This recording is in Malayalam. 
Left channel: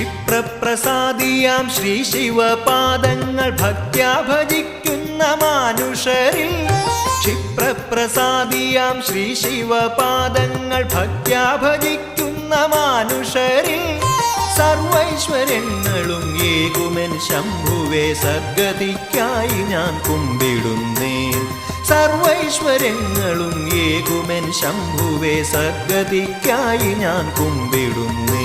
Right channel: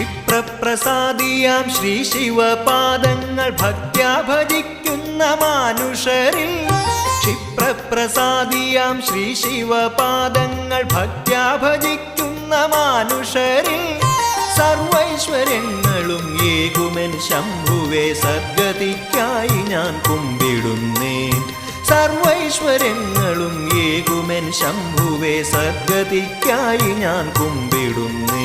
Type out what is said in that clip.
ക്ഷിപ്രപ്രസാദിയാം ശ്രീ ശിവപാദങ്ങൾ ഭക്ത്യാ ഭജിക്കുന്ന മാനുഷരിൽ ക്ഷിപ്രപ്രസാദിയാം ശ്രീ ശിവപാദങ്ങൾ ഭക്ത്യാ ഭജിക്കുന്ന മാനുഷരിൽ സർവൈശ്വര്യങ്ങളും ഏകുമെൻ ശംഭുവേ സദ്ഗതിക്കായി ഞാൻ കുമ്പിടുന്നേൻ സർവൈശ്വര്യങ്ങളും ഏകുമെൻ ശംഭുവേ സദ്ഗതിക്കായി ഞാൻ കുമ്പിടുന്നേൻ